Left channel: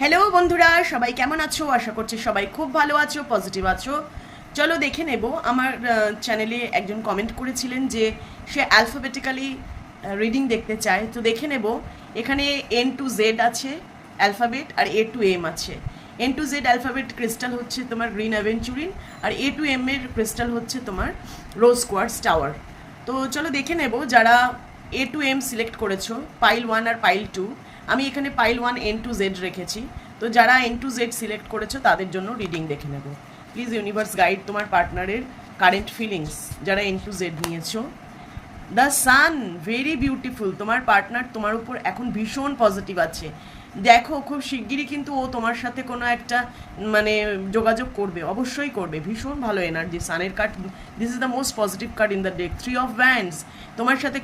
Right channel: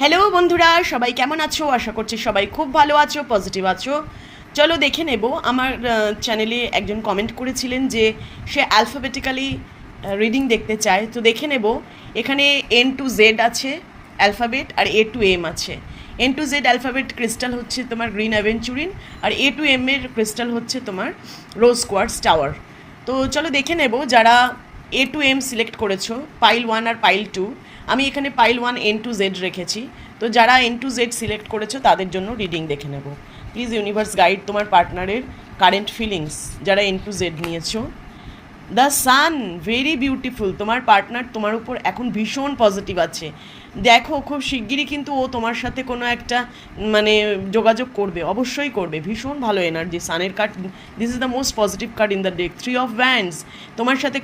Hello বন্ধুরা, সবাই কেমন আছো? আশা করছি সবাই খুব ভালো আছো, পজিটিভ আছো। চলো দেখে নেব। আমার চ্যানেলে একজন কমেন্ট করেছিলেন যে সে অ্যালফাবেটিক্যালি রিডিং দেখতে চায়, তো দেখে নেব। এখানে এন টু জেড আছে অ্যালফাবেট, আর এ টু এম আছে। N to Z alphabet crystal হচ্ছে তোমার গ্রিন অ্যাভেঞ্চুরিন, আর এ টু এম এর ক্রিস্টাল হচ্ছে তোমার রোজ কোয়ার্টজ টাওয়ার। তো চলো দেখে নেব। যারা এ টু এম সিলেক্ট করেছো, পাইল 1 আর পাইল 2, আমি এখানে পাইল 1 এন টু জেড রেখেছি। তো যারা এন টু জেড সিলেক্ট করেছো তাদের জন্য রিডিং দেখে নেব। প্লিজ ইউনিভার্স গাইড তোমার পার্টনারের কারেন্ট ফিলিংস যারা এন টু জেড নিয়েছো। The sun, very beautiful. তোমার পার্টনার তোমার উপর এখন ভীষণ পজিটিভ আছে। দেখো খুব শিগগিরই কিন্তু ও তোমার সাথে কোনো একটা মানে যোগাযোগ করবে, অবশ্যই করবে। ভীষণ ভালো এনার্জি সানের card. This is the most positive card in the deck. 3 of wands, তোমার সাথে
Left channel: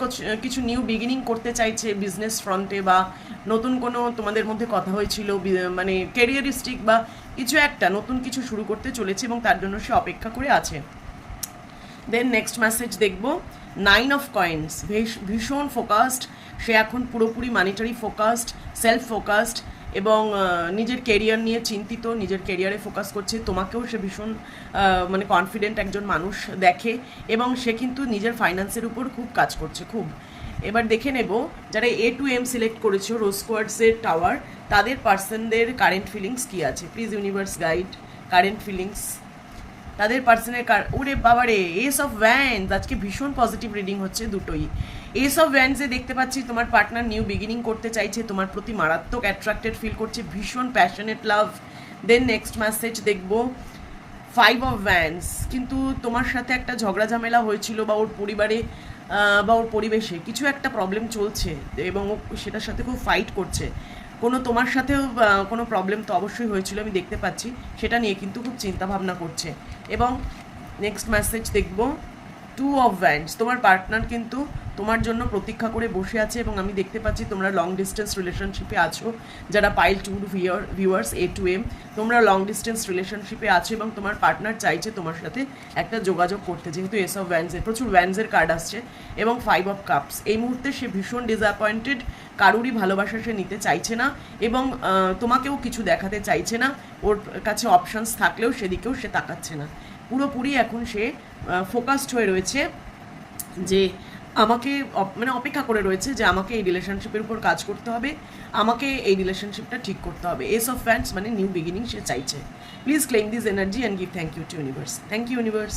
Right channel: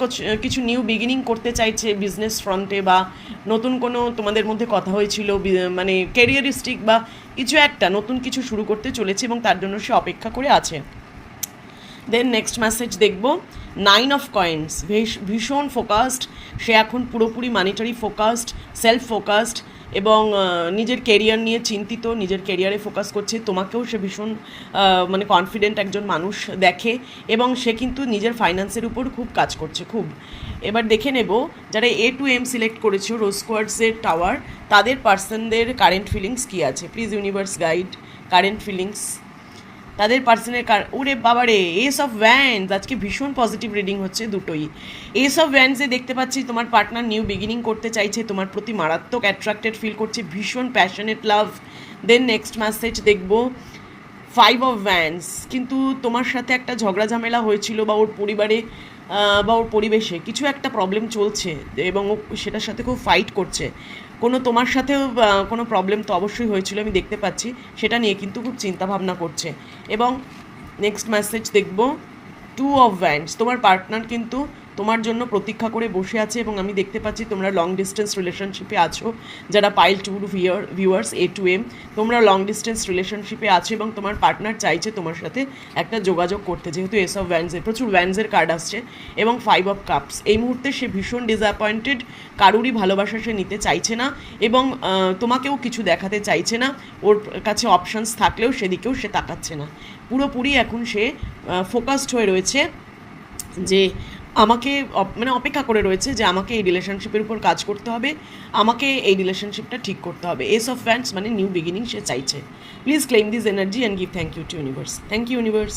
কিছু নিউ বিগিনিং করতে চাইছে বিজনেস ফ্রন্টে, বা নতুন কোনো তোমাদের মধ্যে কথা হয়েছিল, মানে ক্যারিয়ারিস্টিক বা কিছু একটা নতুন কিছু শুরু করতে চলেছে এবং তার জন্য সে অপেক্ষা করে আছে। দেন নেক্সট মেসেজ দেখব। 9 অফ কয়েন্স, ভীষণ ফোকাসড সে এখন, পুরোপুরি মানিটারি ফোকাসড, সেলফ ফোকাসড, এবং নিজের কেরিয়ার নিয়ে চিন্তিত, নিজের কেরিয়ারে ফোকাস করছে। তোমাকেও সে ভীষণ মানে কনফিডেন্ট একজন মানুষ দেখে, এবং সে কিন্তু নিজের ফাইন্যান্সের উপর খুব কাজ করছে, খুব। এবার দেখে নেব যারা এ টু এম সিলেক্ট করেছো রোজ কোয়ার্টজের টাওয়ার, তাদের পার্সনদের কারেন্ট ফিলিংস কী আছে। Please universe guide current feelings তাদের পার্সনের ওরে বাবারে, এস অফ ভ্যান্স। আজকে ভীষণ পজিটিভ রিডিং হচ্ছে দুটোই। এস অফ ভ্যান্সে দেখতে পাচ্ছি তোমার পার্টনার নিউ বিগিনিং করতে চাইছে, তোমার প্রতি মারাত্মক অ্যাট্রাক্টেড ফিল করছে, ভীষণ প্যাশনেট লাভ। দেন নেক্সট মেসেজ দেখব। 5 অফ ভ্যান্স, কিন্তু তোমার সাথে একটা ঝগড়া ঝামেলা হয়েছিল, বা ওর পরিবারে বা ওর পরিবেশে কিছু একটা প্রবলেম চলছে, এবং ও সেটার সাথে খুব ফাইট করছে। কোনো তোমার সাথেও কোনো প্রবলেম তো অবশ্যই হয়েছিল, আমি দেখতে পাচ্ছি। সেটা নিয়ে কিন্তু খুব চিন্তা ভাবনা করছে। এবং নেক্সট মেসেজ দেখব। 2 অফ ভ্যান্ডস, তোমার পার্টনার কিন্তু তোমার জন্য প্রতীক্ষা করে বসে আছে, এবং আমি দেখতে পাচ্ছি তোমরা লং ডিস্টেন্স রিলেশনশিপে আছো। যারা pile 2 viewers A to M, তোমরা লং ডিস্টেন্স রিলেশনশিপে আছো, এবং তোমার পার্টনার চাইছে তোমার সাথে একটা যোগাযোগ করতে, যেহেতু এস অফ ভ্যান্সের প্রচুর ভ্যান্সের কার্ড আসছে, এবং 5 অফ কাপস। এই মুহূর্তে সে ভীষণ ডিসঅ্যাপয়েন্টেড, কারুরই ভালোবাসা সে নিতে চাইছে না, এবং তোমাকেও কিছু দেখাতে চাইছে না। ওর কাছে অপশানস থাকলেও সেদিকেও সে তাকাচ্ছে না। পুরোপুরি এখন সে ফোকাসড হয়ে রয়েছে যে আমাকে মানে অপেক্ষা করে রয়েছে যে আমাকে এই রিলেশনশিপের উপর কাজ করতে হবে, আমাকে এই রিলেশনশিপটা ঠিক করতে হবে। এস অফ ফ্যান্স মানে নিউ বিগিনিং সে চাইছে। Please claim this energy and give thank you to universe. Thank you universe.